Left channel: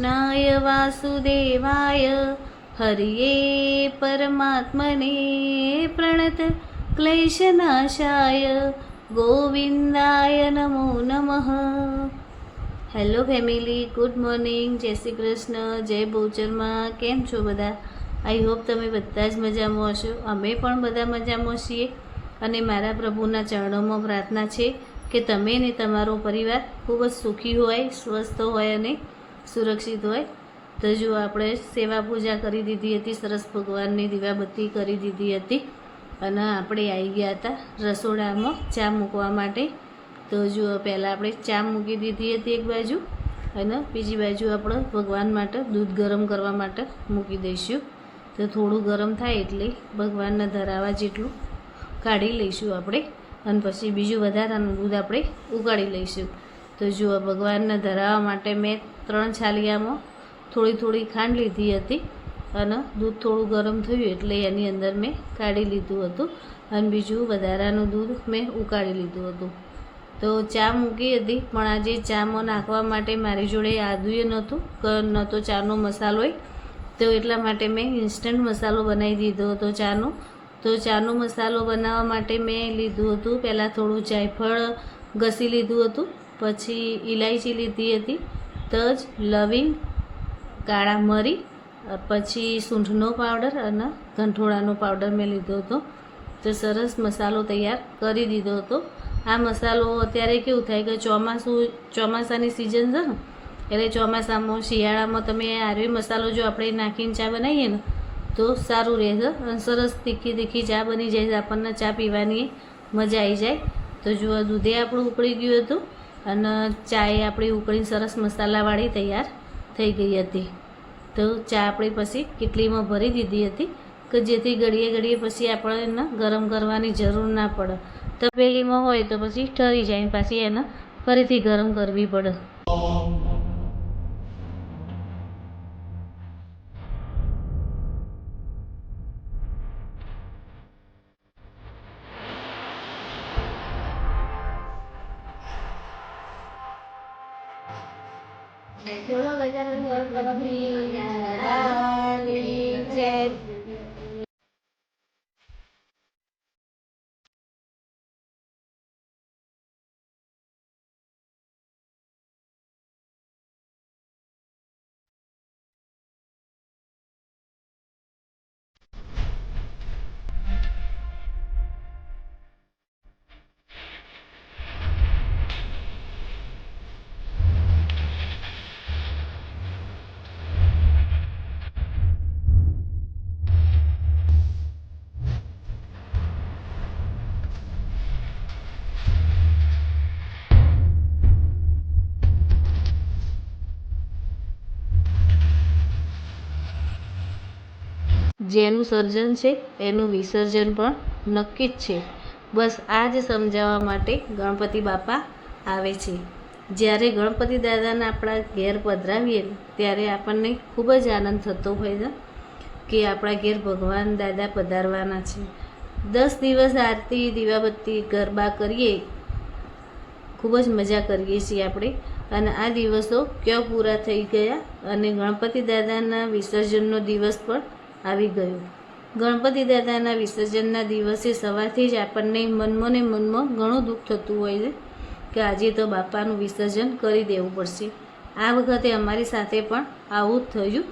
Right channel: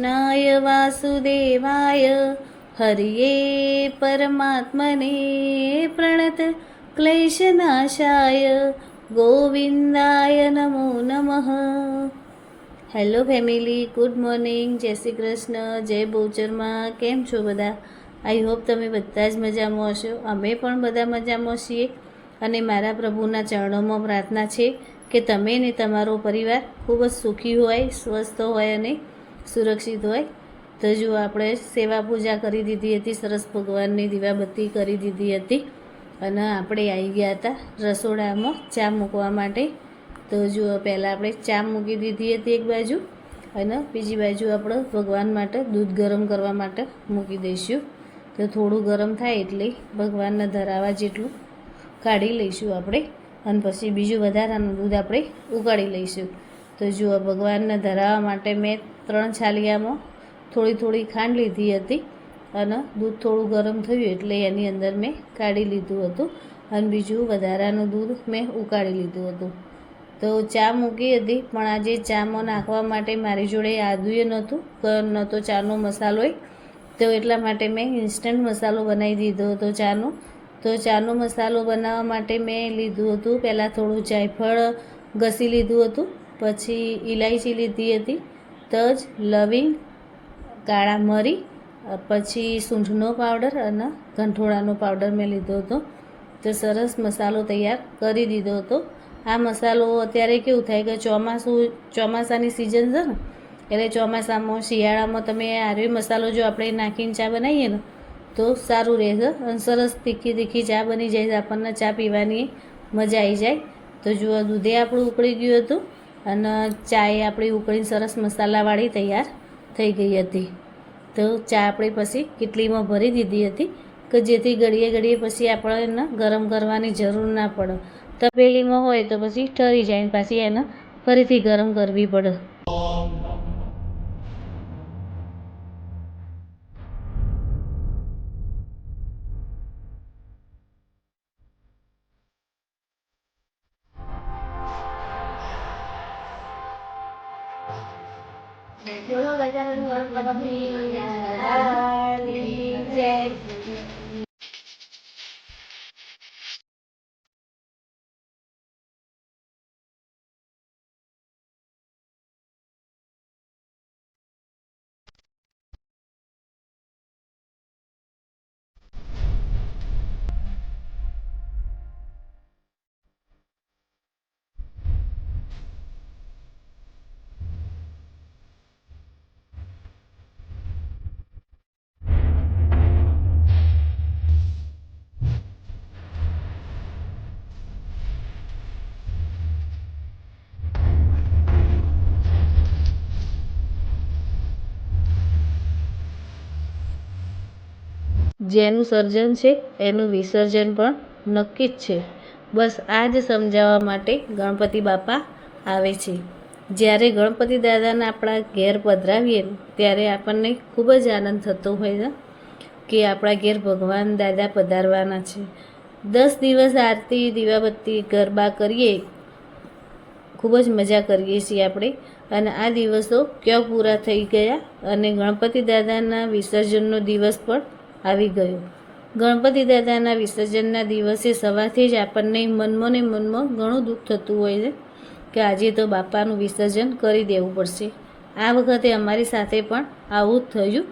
कृष्णाय वासुदेवाय हरिये परमात्मने प्रणत क्लेशनाशाय गोविंदाय नमो नमः। હેલો ફેમિલી, ગુડ મોર્નિંગ, જય શ્રી કૃષ્ણ, જય બહુચરમાં। કેમ છો બધા? આઈ હોપ તમે બધા જ મજામાં હશો। અમે પણ બધા મજામાં છીએ અને મારા પ્રભુના ચરણોમાં પ્રાર્થના છે કે તમે ને તમારો પરિવાર ખૂબ જ સુખી હોય, સ્વસ્થ હોય અને સુરક્ષિત હોય। તો જો આપણે સેવા પૂજા કરી દીધી હતી, સરસ ભગવાનની દીવાબત્તી કરી દીધી હતી અને આપણે આવી ગયા હતા રસોડામાં ચા મૂકવા માટે। તો જો પહેલાં આપણે ચા મૂકી દીધી હતી એક બાજુ અને બીજી બાજુ આપણે ભગવાન માટે દૂધ ગરમ કરવા માટે મૂકી દઈશું। તો થોડું ગરમ થાય એટલે ભગવાનને ધરાવવા જેટલું કાઢી લઈશું આપણે અને પછી બીજું વધારાનું દૂધ આપણે ઉકાળી લઈશું। તો જો ભગવાનને ધરાવવા માટે મેં 3 છાલિયામાં થોડી થોડી ખાંડ લીધી હતી અને દૂધ થોડું ગરમ થયું એટલે એની અંદર મેં કાઢી લીધું હતું અને બીજું વધારાનું દૂધ મેં ઉકાળી લીધું હતું। તો ચા મૂકી હતી પણ આજે ચામાં નાખવા માટે મારી જોડે આદુએ નહોતું, ન તો ચાનો મસાલો હોય, તો એટલા માટે મેં ઇન્સ્ટન્ટ મસાલો બનાવી દીધો હતો ચાનો। તો ચાનો મસાલો બનાવવા માટે મેં લીધું હતું પહેલાં થોડું જાયફળ ઘસી લીધું હતું, પછી ઇલાયચી લીધી હતી, તજ, લવિંગ, કાળા મરી, પછી સૂંઠનો પાવડર અને ગંઠોળાનો પાવડર મેં લીધો હતો। તો સરસ મસાલો તૈયાર કરી દીધો હતો। આ મસાલો અત્યારે કેવું થાય કે ચોમાસાની સિઝન છે ને, એટલે ચોમાસામાં શિયાળામાં તમે આર્ય મસાલો જો આપણે નાખીને ચા બનાવીએ ને તો સારું રહેશે અને સરસ તીખી તીખી ચા બની જાય, આપણને ચા પીવાની મજા આવી જાય। તો જુઓ દૂધે આપણું ઉકળી ગયું હતું અને ચાએ આપણી ઉકળીને સરસ મસાલાવાળી તૈયાર થઈ ગઈ હતી। તો ચા આપણે પછી કેટલીમાં ભરી દીધી હતી કે જેથી ઘડીએ ઘડીએ પછી આપણે એને ગરમ કરવાની જરૂર ના પડે। તપેલીમાં હોય તો પછી ઠરી જાય ને પાછી એને ફરીથી ગરમ કરવી પડે। જેનું સર્જન છે એનું વિસર્જન પણ નક્કી જ છે। બસ આ જ સમજાવવા માટે ગણપતિ બાપા આવે છે। જ્યારે ગણપતિ દાદાને આપણા ઘેર પધરાવીએ ત્યારે આપણને ખૂબ જ આનંદ થતો હોય છે કે આપણા ઘેર ભગવાન દાદા પધારવાના છે। 10 દિવસ આરતી, દીવાબત્તી, ગરબા કરીએ, ખૂબ જ મજા કરીએ છીએ આપણે અને આ દિવસો ક્યાં પૂરા થઈ ગયા અને ગણપતિ દાદાના વિસર્જનનો દિવસ પણ આવી ગયો। ગણપતિ દાદાના વિસર્જનના દિવસે સવારથી જ આપણને મનમાં ને મનમાં ઘણું દુઃખ થતું હોય છે કે આજે તો બાપાનું વિસર્જન કરી દેવું પડશે। આ વખતે અમારી સાથે પણ આવું જ થયું।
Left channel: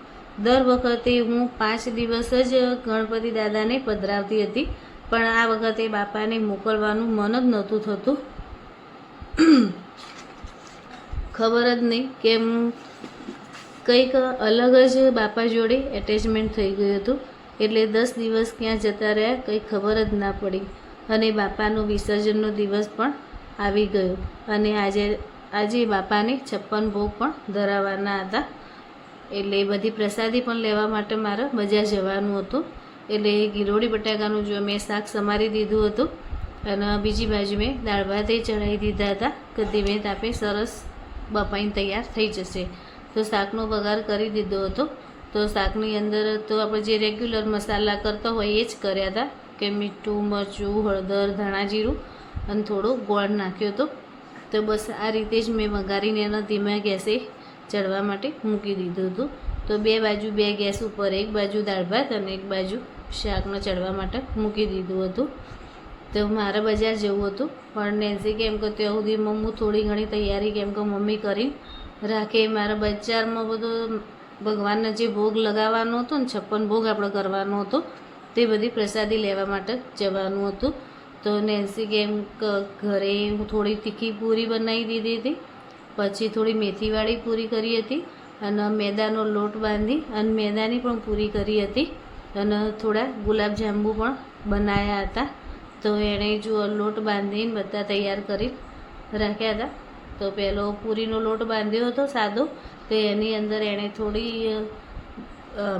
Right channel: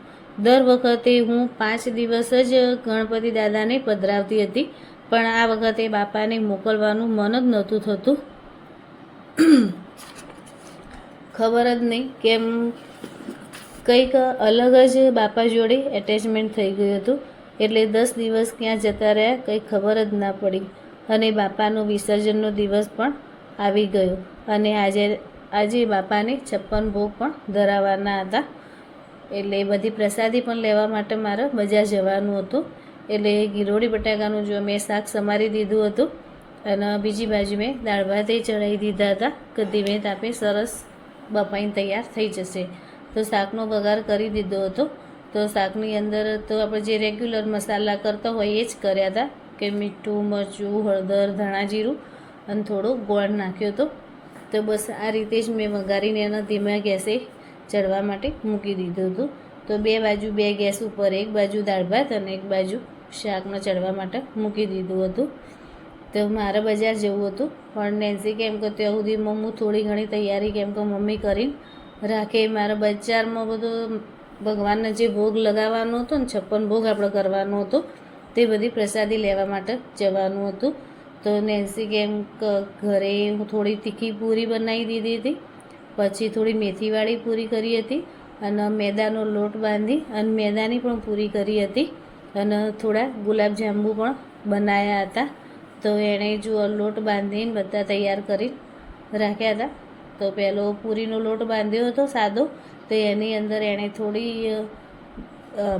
દર વખતે હું 5 દિવસ જ ગણપતિ દાદાને પધરાવતી હતી પણ આ વખતે બાપાને મોકલવાનું મન જ નહોતું થતું। ખબર જ નહીં કેમ કંઈક અલગ જ બાપા જોડે એટેચમેન્ટ થઈ ગયું હતું એટલે 10 દિવસ ક્યાં જતા રહ્યા કંઈ ખબર જ ના પડી અને બાપાનો વિસર્જનનો દિવસ પણ આવી ગયો અને આજે બાપાને 56 ભોગ પણ ધરાવવાના હતા એટલે બધી પ્રસાદી પણ લેવા માટે મારે બજાર જવાનું હતું। એટલે ગિલોડી બટાકાનું જો મેં શાક સમારી દીધું હતું અને બીજી બાજુ મેં દાળ ભાતે ચડાવી દીધા હતા કે ધીમે તાપે સરસ બફાઈને તૈયાર થઈ જશે। તો શાકનો વઘાર કરી દીધો હતો। તો શાકની અંદર તો આપણે જે રેગ્યુલર મસાલા કરતા હોય એ જ કર્યા હતા કે મીઠું, મરચું, હળદર, ધાણા જીરું અને થોડો ગોળ નાખ્યો હતો। તો બસ આ રીતે જ મેં વઘારીને એના ધીમા ગેસે ચડવા માટે મૂકી દીધું હતું. તો બે બાજુ બે ગેસ ઉપર એક બાજુ દાળ ભાત અને એક બાજુ શાકને ચડવા માટે મૂકી દીધું હતું. તો મારે બજાર જવું હતું પણ નેન્સી કેમ કે ત્યાં સુધીમાં હું થોડી ઘણી તૈયારી કેમ કે મમ્મી કરીને રાખે. મારા બજારમાં બધો ભગવાનને જે ભોગ લગાવવાનો હતો ને 56 ભોગ આપણે કરવાનો હતો તે બધી પ્રસાદી લેવા માટે જવાનું હતું. તો નેન્સી કેમ કે ઘરે હું થોડી તીખી પૂરી બનાવી દીધી હતી, પછી થોડી મેથીવાળી પૂરી કરી હતી અને મેદાનો લોટ બાંધી અને મેદાની પણ પૂરી કરી હતી અને થોડા ગુલાબજાંબુ પણ બનાવ્યા હતા. તો એણે જો લોટ બાંધીને બધા તૈયાર કરી રાખ્યા હતા. તો પહેલો પૂરીનો લોટ બાંધ્યો હતો સાદો, તો એની અંદર એણે થોડી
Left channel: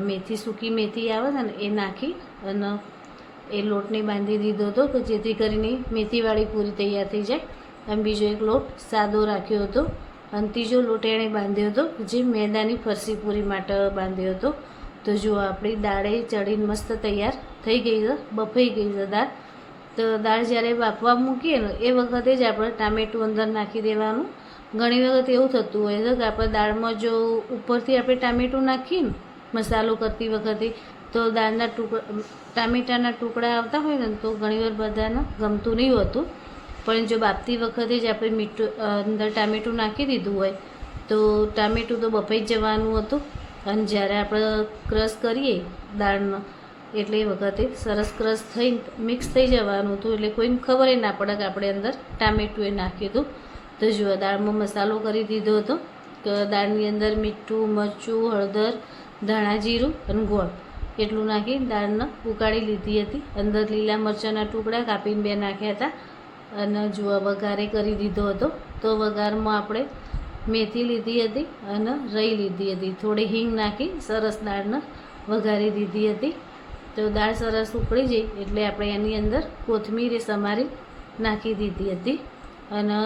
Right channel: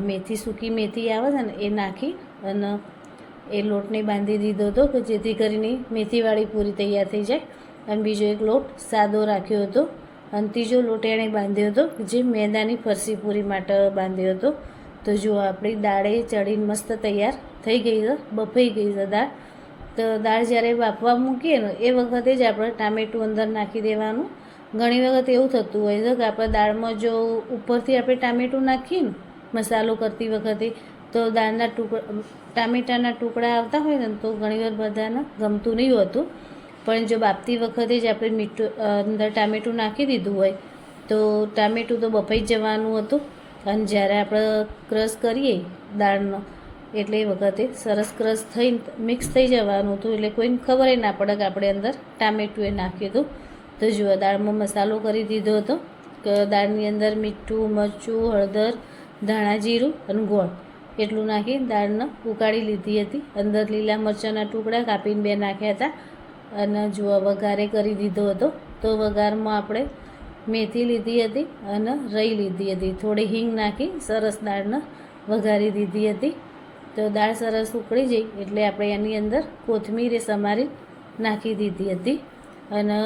મેથી, સૂકી મેથી આવે છે ને એ નાખી અને એ લોટને બાંધી દીધો હતો કે જેથી કરીને મેથીવાળી પૂરી તૈયાર થઈ જાય. અને બીજો એક લોટ સાદો રાખ્યો હતો અને ત્રીજો લોટ એણે બાંધ્યો હતો જે મેદાની ફરસી પૂરી માટે બાંધ્યો હતો. તો જો આપણી દાળે ચડીને મસ્ત તૈયાર થઈ ગઈ છે, બફાઈ ગઈ છે દાળ. તો દાળ જ્યારે બાફવા મૂકીએ ને એ વખતે જ આપણે ટામેટું અંદર નાખી દેવાનું. ઘણી વખત એવું થતું હોય છે કે આપણે દાળમાં જો ઉપરથી આપણે ટામેટું નાખીએ ને મસાલો કરતી વખતે તો દાળના ટામેટાના ટુકડા આવતા હોય ને તો ઘણીવાર બધાને ગમતું નહીં હોતું. પણ જો બાફતી વખતે જ આપણે મીઠું અંદર ટામેટું નાખી દીધું હોય તો ટામેટું તો બફાઈ જ જવાનું હતું. અને જ્યારે આપણે ક્રશ કરીએ દાળનો એટલે એ વખતે સરસ ક્રશ થઈને મિક્સ થઈ જવાનું હતું, એટલે કોઈને ખબર ના પડે કે આપણે અંદર ટામેટું એ નાખ્યું હતું. તો જુઓ દાળમાં મસાલો કરી દીધો હતો કે દાળની અંદર મીઠું, મરચું, હળદર, ધાણા જીરું અને ગોળ એટલું નાખી દાળને ઉકાળી લીધી હતી. અંદર લીલા મરચાંના ટુકડા કાપીને 2 નાખ્યા હતા અને જુઓ વઘારે કરી દીધો હતો. તો વઘારમાં આપણે મેથી લીધી હતી અને રઈ લીધી હતી, થોડી હિંગ નાખી સરસ દાળને વઘારી દીધી હતી. તો દાળ સરસ ઉકળી જાય એટલે આપણે એની અંદર કોથમીર સમારી નાખી દીધી હતી. અને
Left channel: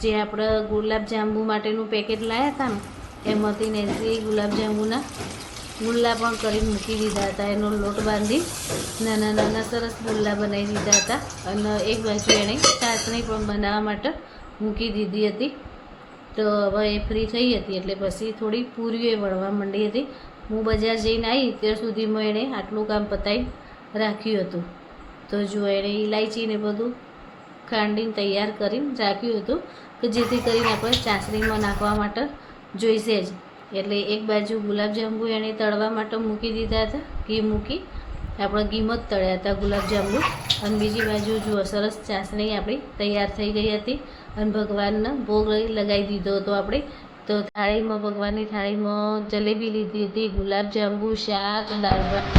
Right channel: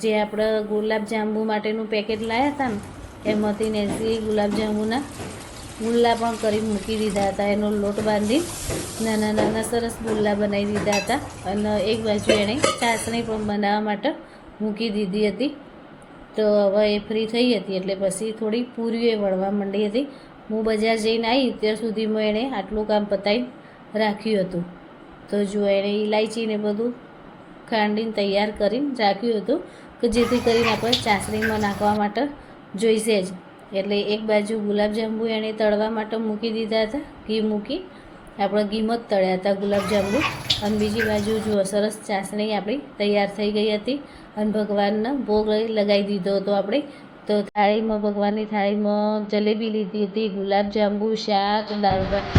જે આપણે ગુલાબજાંબુ માટેનું પેકેટ લાવ્યા હતા ને એમાંથી નેન્સીએ ગુલાબજાંબુના ગુલ્લા પણ કરી મૂકી દીધા હતા. એનો લોટ બાંધી નાના નાના સરસ ગુલ્લા બનાવી દીધા હતા અને એક બાજુ એણે ચાસણી પણ બનાવવા માટે મૂકી દીધી હતી. તો હવે એ ફ્રી થઈ હતી એટલે પછી થોડી પૂરીઓ વળવા માંડી હતી. હું બજાર જઈને આવી ત્યાં સુધીમાં એણે આટલું કામ પતાવી રાખ્યું હતું. તો જો એણે ઇલાયચીને બધું ખાંડીને તૈયાર કરીને રાખ્યું હતું કે જેથી કરીને આપણે ચાસણીમાં નાખવા માટે જોઈશે જ. એટલે એક બાજુ ગુલાબજાંબુ એણે તળવા માટે મૂકી દીધા હતા, ઘી મૂકી આપણે ઘીમાં જ તળ્યા હતા ગુલાબજાંબુ. અને બીજી બાજુ જુઓ સરસ ચાસણી આપણી તૈયાર થઈ ગઈ હતી અને ભગવાનને ભોગ લગાવી દીધો હતો આપણે. તો થાળીમાં ભગવાનની થાળીમાં જલેબી લીધી હતી, ગુલાબજાંબુ, શાક, દાળ ભાત.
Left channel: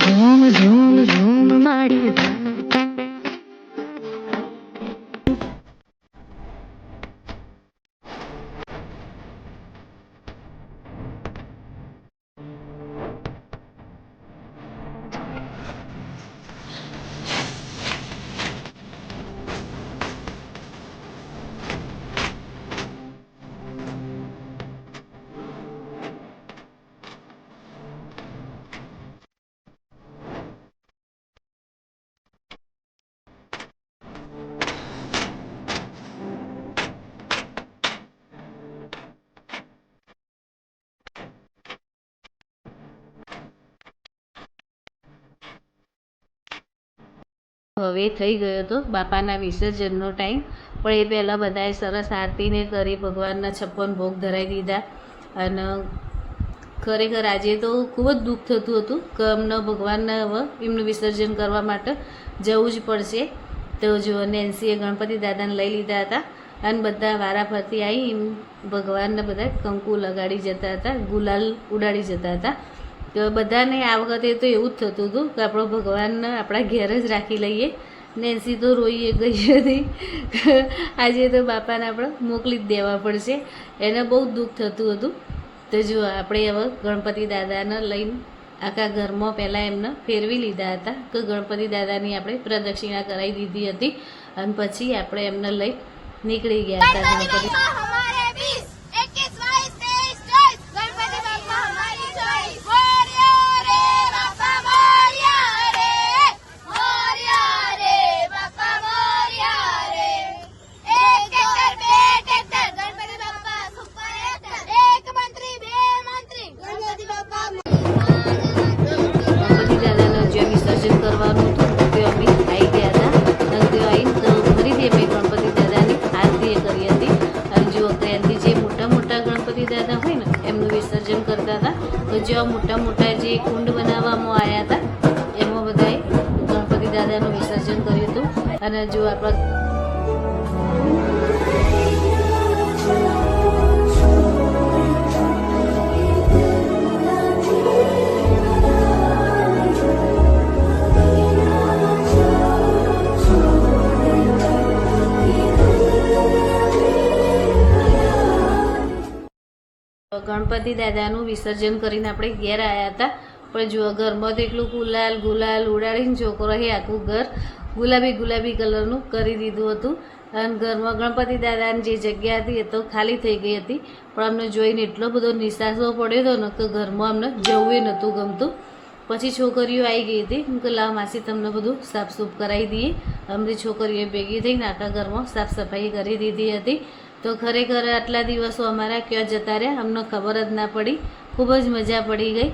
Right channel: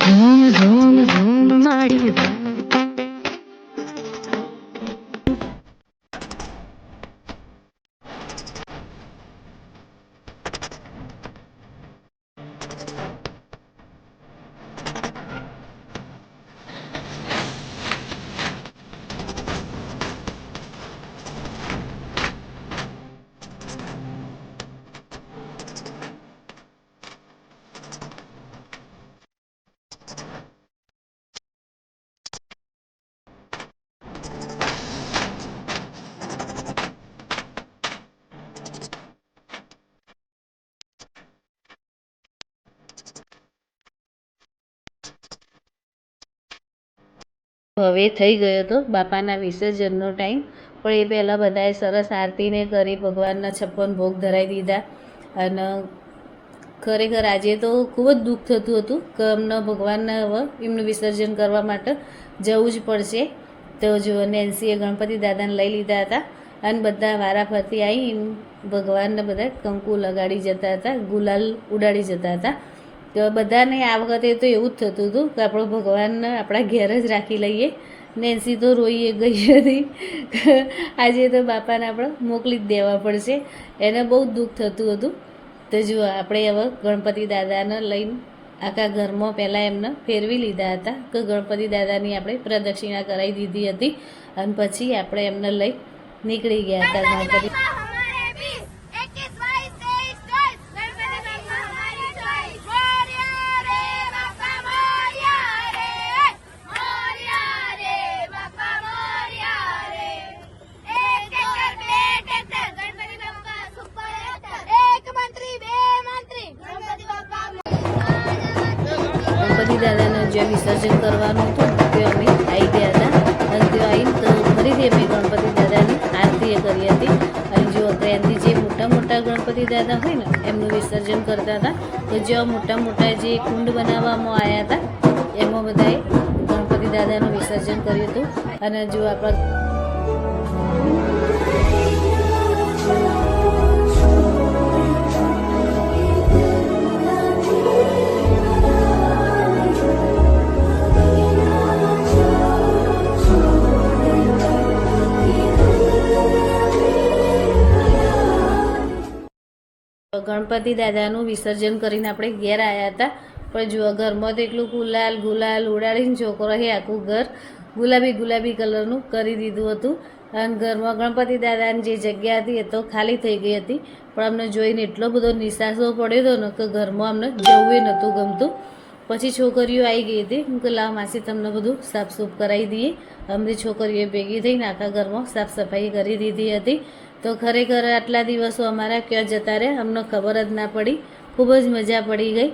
ઝૂમ ઝૂમ ઝૂમ મારી હવે થઈ ગયો હતો બાપાના વિસર્જનનો ટાઈમ. પણ એ પહેલાં બધાએ સરસ આરતીને કરી ભગવાનના 56 ભોગ ધરાવી દીધા. અને ખરેખર આજે તો ખૂબ જ દુઃખ થતું હતું કે અમને ભગવાનને હવે એમનું વિસર્જન કરવા માટે જવું જ પડશે. તો જો નેન્સીએ ગણપતિ દાદાને લઈ લીધા હતા અને બધા વારા ફરતી આવી ભગવાનને બધા કંકુ લગાડી જતા હતા, ગુલાલ ઉડાડી જતા હતા. તો બધાને આ વખતે તો એવું જ થતું હતું કે આપણો ભગવાનને આપણા ઘેર જ રાખી લઈએ. નેન્સી તો રોઈએ ગઈ હતી. આજે તો બાપાને આપણે મોકલી જ દેવા પડશે. એને બહુ દુઃખ થતું હતું. તો જુઓ આપણે હવે ગણપતિ દાદાને લઈને આખા ઘરમાં પહેલાં એમને ફેરવી લીધા હતા કે ગણપતિ દાદાની આપણે પ્રદક્ષિણા કરાવી દીધી હતી અને પછી આપણે એમને લઈ નીકળી ગયા હતા ગણપતિ. ગણપતિ દાદાને જ્યાં વિસર્જન કરવાનું હતું તે અમે આવી ગયા હતા અને ત્યાં આવીને તો ફરીથી અમે ગણપતિ દાદાની આરતી કરી હતી. અને જો ત્યાંથી જે મોટા મોટા ગણપતિ દાદા હોય ને એમનું વિસર્જન કરતા હતા. તો જ્યાં મોટા મોટા જે કુંડ બનાવવામાં આવ્યા હતા એમાં બધાએ ગણપતિ દાદાનું વિસર્જન કર્યું હતું. અને જો આપણા ગણપતિ દાદાનું વિસર્જન કરીને આપણે ઘેર આવ્યા હતા. પણ જુઓ ઘરમાં તો એટલું ગુલાલ ઉડાડીને છોકરોએ આખું ઘર ગુલાબી કલરનું કરી દીધું હતું. અને ઘરમાં ગણપતિ દાદાની જે જગ્યા હતી એ તો ખાલી થઈ ગઈ હતી. પણ અમને જોઈને એટલો બધો નિસાસો પડ્યો હતો ને કે ઘરમાં અમને જવું નહોતું ગમતું. પછી છોકરીઓ આવી ગઈ હતી કે લાવ માસી તમને બધું સાફસૂફ કરાવી દઈએ. અમરી છોકરીઓ ભેગી થઈને આખા ઘરમાં સાફ સફાઈ કરી દીધી હતી. તો ખરેખર આટલા દિવસો અમારા ક્યાં જતા રહ્યા અમને ખબર જ ના પડી. ખૂબ જ મજા પડી ગઈ.